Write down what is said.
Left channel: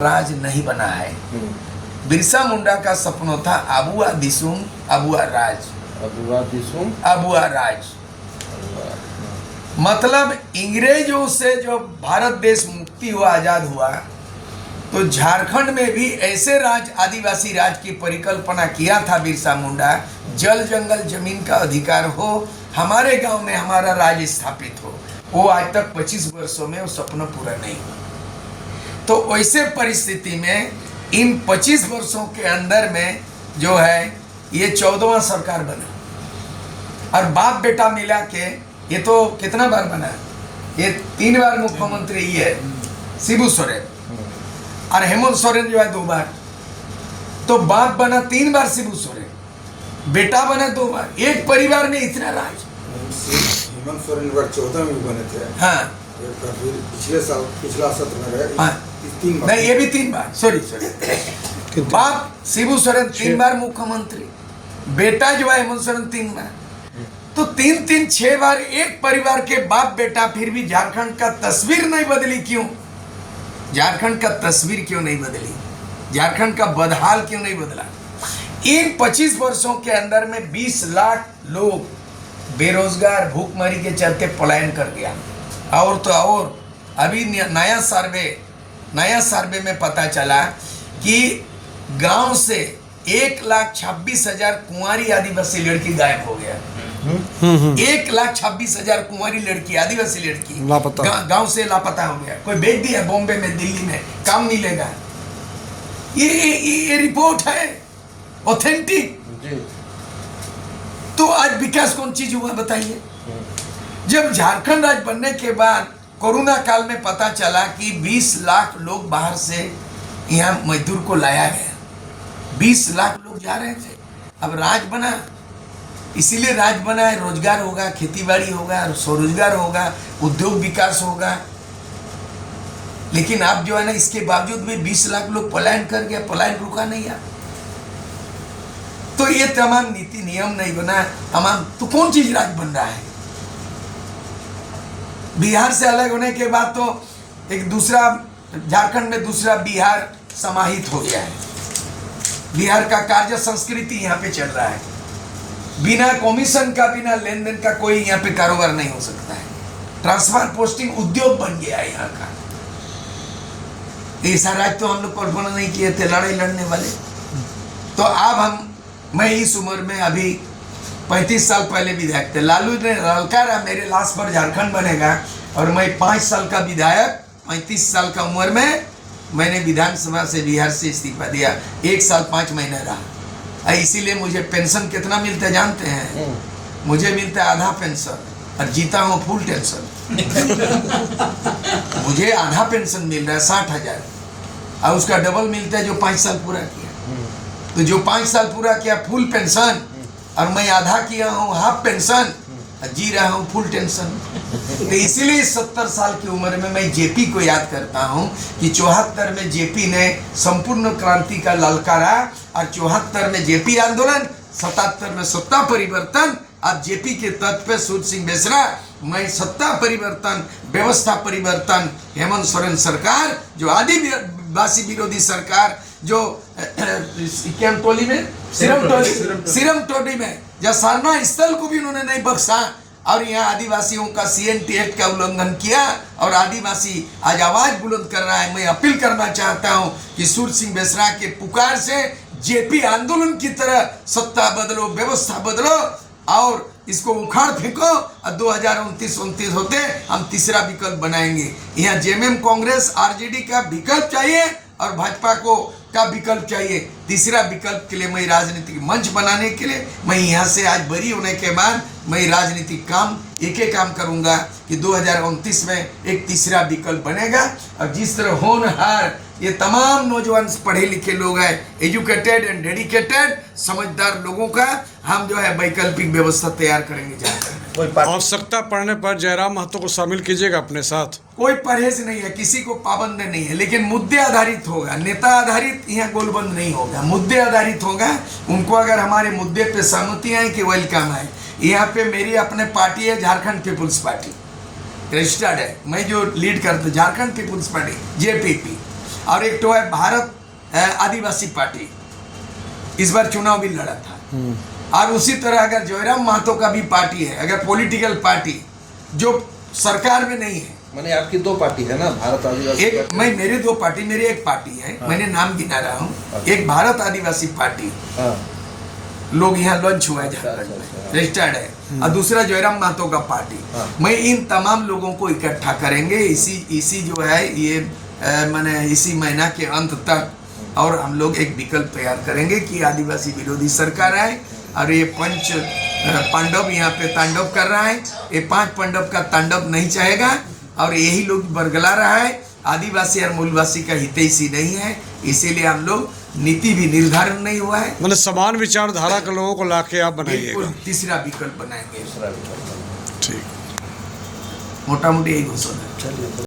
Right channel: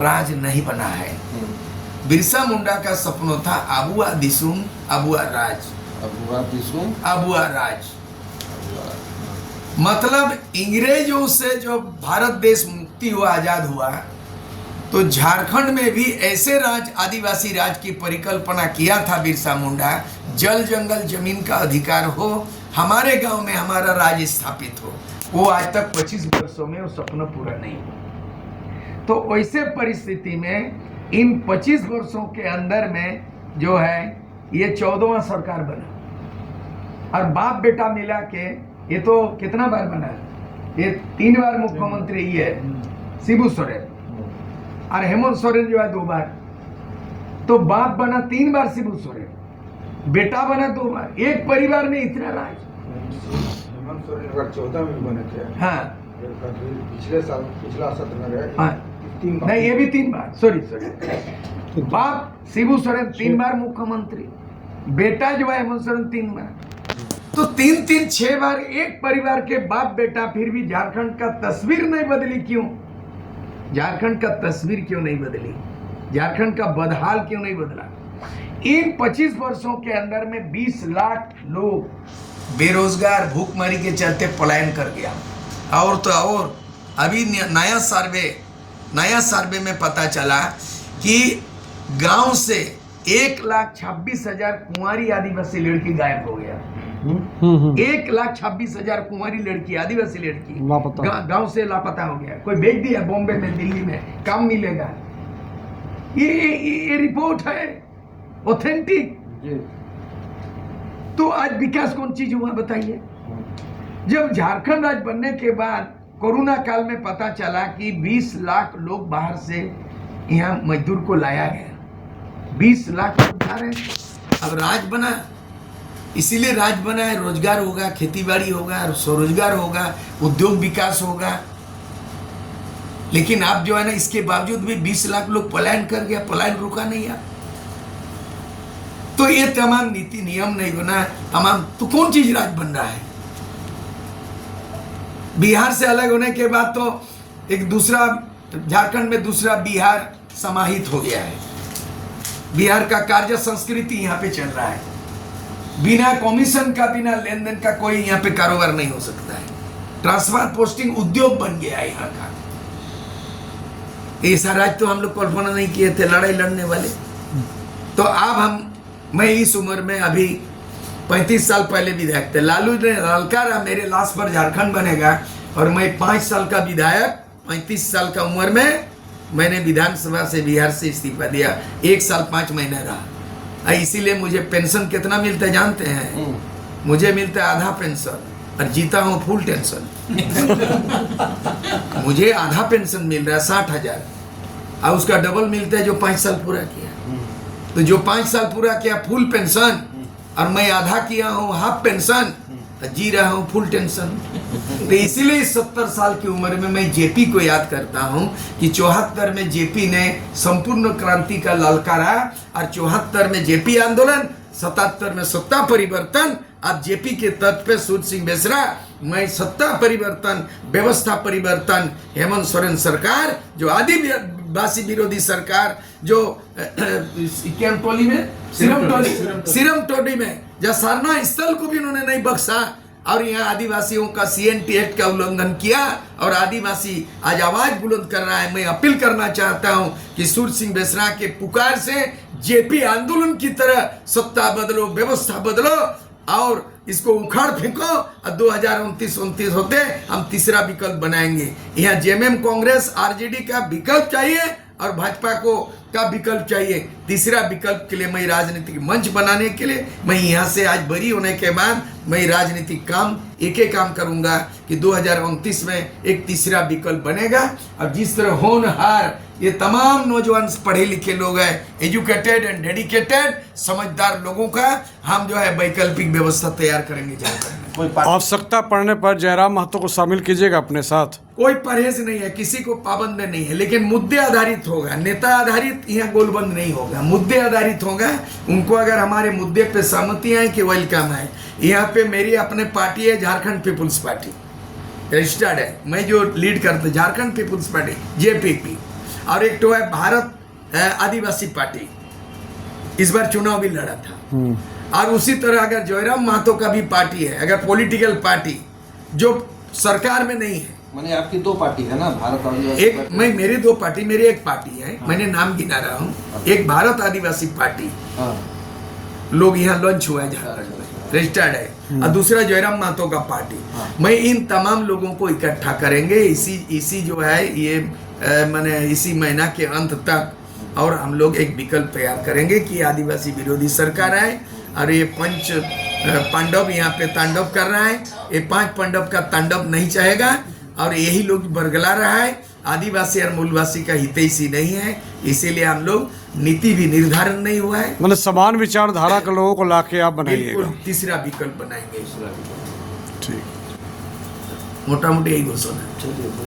राज नहीं बना है। बिरसा मुंडा का सपना था अबुआ दिसुम अबुआ राज, अबुआ राज। मतलब अंग्रेजों से जो भारत देश मुक्ति हुआ, आजाद हुआ, तो झारखंड में भी ऐसे राज, आदिवासी राज की परिकल्पना किया था बिरसा मुंडा। जल जंगल जमीन का अधिकार हो, हमारे गांव में हमारा राज स्थापित हो। वो आज तक 25 वर्षों में वो सपना पूरा नहीं हुआ। तो वैसे परिस्थिति में इन 25 वर्षों के अंदर में जो है ये 14वां सरकार बना, और बाप बेटा मिला के ये तो कितना बार बना, ये 3 बार मुख्यमंत्री ये है शिबू सोरेन, और हेमंत सोरेन जो है 2 बार। तो बाप बना 3 बार शिबू सोरेन, बेटा बना 2 बार। एक परिवार में इतना राज। हेमंत सोरेन 14 में भी बने थे। हाँ, पिछला सत्र में हाँ, नहीं ये भी 3 बार, सॉरी बाप शिबू सोरेन 3 बार मुख्यमंत्री, बेटा जो है हेमंत सोरेन 3 बार। तो 3 6 बार एक परिवार के बाप बेटा, फिर भी झारखंड का तस्वीर नहीं बदली। क्यों झारखंड का तस्वीर क्यों नहीं बदली? झारखंड का बदहाल क्यों नहीं बदला? इन 25 वर्षों के अंदर में 20 लाख लोग बेरोजगार, भूखमरी के चलते पलायन कर गया। और तो और अभी नया सर्वे में पता चला कि गांव से 1,26,000 कुंवारी आदिवासी लड़की गायब हो गया। 1,26,000 कुंवारी लड़की, आदिवासी लड़की गांव से लापता हो गया। कोई भेज दिया बॉम्बे में, दिल्ली में, काम मिलेगा। ये रिपोर्ट है ऑथेंटिक। तो आज विकास कौन चीज हुआ बताइए? जब झारखंड राज्य बनने के बाद कोरोना काल में पता चला कि 20 लाख लोग बाहर से यहाँ मजदूर को लाया गया। 20 लाख लोग जा रहे थे। अब राज बना, इसीलिए राज बना है। रोजगार होगा, खेती बाड़ी होगा, स्वरोजगार होगा, उद्योग विकास होगा। लेकिन आप जो है ना, इसके बावजूद भी 20 लाख लोग पलायन कर गया, पलायन रुका नहीं यार। तो ये तमाम नीति नियम नहीं बना, तमाम तो कौन चीज राज बन रहा है? बिहार से अलग होने के बाद तो एक दूसरा, झारखंड में दूसरा बिहार समाहित हो गया है। बिहार का कार्य संस्कृति यहाँ पे चल रहा है। बिना कमीशन का, बिना लेन देन का कोई यहाँ पे कारोबार नहीं हो सकता है। ट्रांसफर पोस्टिंग उद्योग बन गया है यहाँ का। ऐसा राज्य तो हम लोग कल्पना नहीं किए थे, लड़ाई लड़ने वाले। तो अब मैं इस उम्र में, अभी 35 साल पहले विधायक थे। लालू ने ललकारा मेरे लाश पर झारखंड बनेगा, और मैं 5 साल का विधायक, 35 साल का उम्र में मैंने विधानसभा से, बिहार से इस्तीफा दिया। 1 साल 5 महीने रहा। इसीलिए मुझे पेंशन कितना मिलता है जानते हैं? मुझे मिलता है आधा पेंशन, और जीता हूँ फुल टेंशन। मुझे आधा पेंशन मिल रहा है 60,000, और उसका डबल मिलता है जो 5 साल पूरा किया। तो जो 5 साल पूरा किया फुल पेंशन, और मैं आधा किया हूँ हाफ पेंशन, जी रहा हूँ फुल टेंशन। तो इसीलिए 70 साल की उम्र में मैं जेपी को याद करता हूँ कि 74 में जेपी ने संपूर्ण क्रांति का ललकारा, और 74 में जेपी आंदोलन, 77 में सत्ता परिवर्तन। अब जेपी के तत्व पे सूर्य सिंह बेसरा, मैं सत्ता परिवर्तन, व्यवस्था परिवर्तन, हेमंत सोरेन सरकार, जो आदिवासी विरोधी सरकार, जो टोली में सिरम टोली में जब सरना स्थल को भी उन्होंने नहीं बख्शा, और यहाँ आदिवासियों का CNT एक्ट का उल्लंघन किया, और आदिवासी आज आवाज बुलंद कर रहा है। मैं अपील करना चाहता हूँ कि सूर्य सिंह बेसरा के पुकार से जेपी आंदोलन की तरह सत्ता बदलो, व्यवस्था बदलो, और इसको उखाड़ फेंको। और 2029 होते हम तीसरा विकल्प बनाएंगे। यहाँ जेएमएम, कांग्रेस, आरजेडी का विकल्प चाहिए, और भाजपा का विकल्प चाहिए। तीसरा विकल्प के लिए मैं राजनीतिक मंच बनाने के लिए, मैं यहाँ से आज बरी होने के बाद मैं राजनीतिक काम एक काम करूँगा कि 2029 में एक तीसरा विकल्प बनेगा। और जिस तरह होनहार ये तमाम नौजवान पढ़े लिखे लोग हैं, एजुकेटेड एंड डेडिकेटेड, समझदार लोगों का हम जो है वैकल्पिक व्यवस्था तैयार करेंगे। कोई आवश्यकता पड़ने पर जयराम महतो को शामिल कीजिएगा अपने साथ। कोई परहेज नहीं है, किसी को पाबंद नहीं है, लेकिन मुद्दे आधारित होगा। नेता आधारित यहाँ गोलबंद नहीं होगा, मुद्दे आधारित होगा। उनको अगर हमारे मुद्दे पे सहमति है कि वेलकम है। यहाँ पे मेरी अपने पार्टी है, झारखंड पीपुल्स पार्टी रजिस्टर्ड है, मैं जो लीड करता झारखंड पीपुल्स पार्टी, JPP। और एक तो है भारत आदिवासी पार्टी, इस बार चुनाव भी लड़ा था। और उसी तरह अगर जयराम महतो का भी पार्टी है, अगर पॉलिटिकल पार्टी जो सरकार में नहीं है, माने आपकी दो पार्टी है ना, भारत आदिवासी एक पार्टी। मैं मेरे दो पार्टी, मेरी एक पार्टी है, मैंने नाम गिना रहा हूँ, एक भारत आदिवासी पार्टी, हाँ, लोग यहाँ लॉन्च हुआ है झारखंड में, रजिस्टर्ड है, और दूसरा जयराम महतो का पार्टी। हाँ। मैं इन तमाम लोगों को इकट्ठा करेंगे इसी जो है ये माने इसी महीना के अंत तक, और हम लोग एक विकल्प तैयार करेंगे कि आदिवासी विरोधी सरकार आए और ये पंच पांडव यहाँ पे तांडव कर रहा है, ये 5 पांडव का तांडव नहीं चाहेगा, और यही लोग बरगला रहा है, आदिवासी और मूलवासी का हितैषी नहीं है, इसीलिए हम लोग नीति भी निर्धारण नहीं हुआ है। मतलब समान विचारधारा के लोगों को लाके आप बिल्कुल बनाइएगा। तीसरा विकल्प बनाएंगे, दूसरा विकल्प। ठीक। मोटा मोटी यही घोषणा है। चलिए।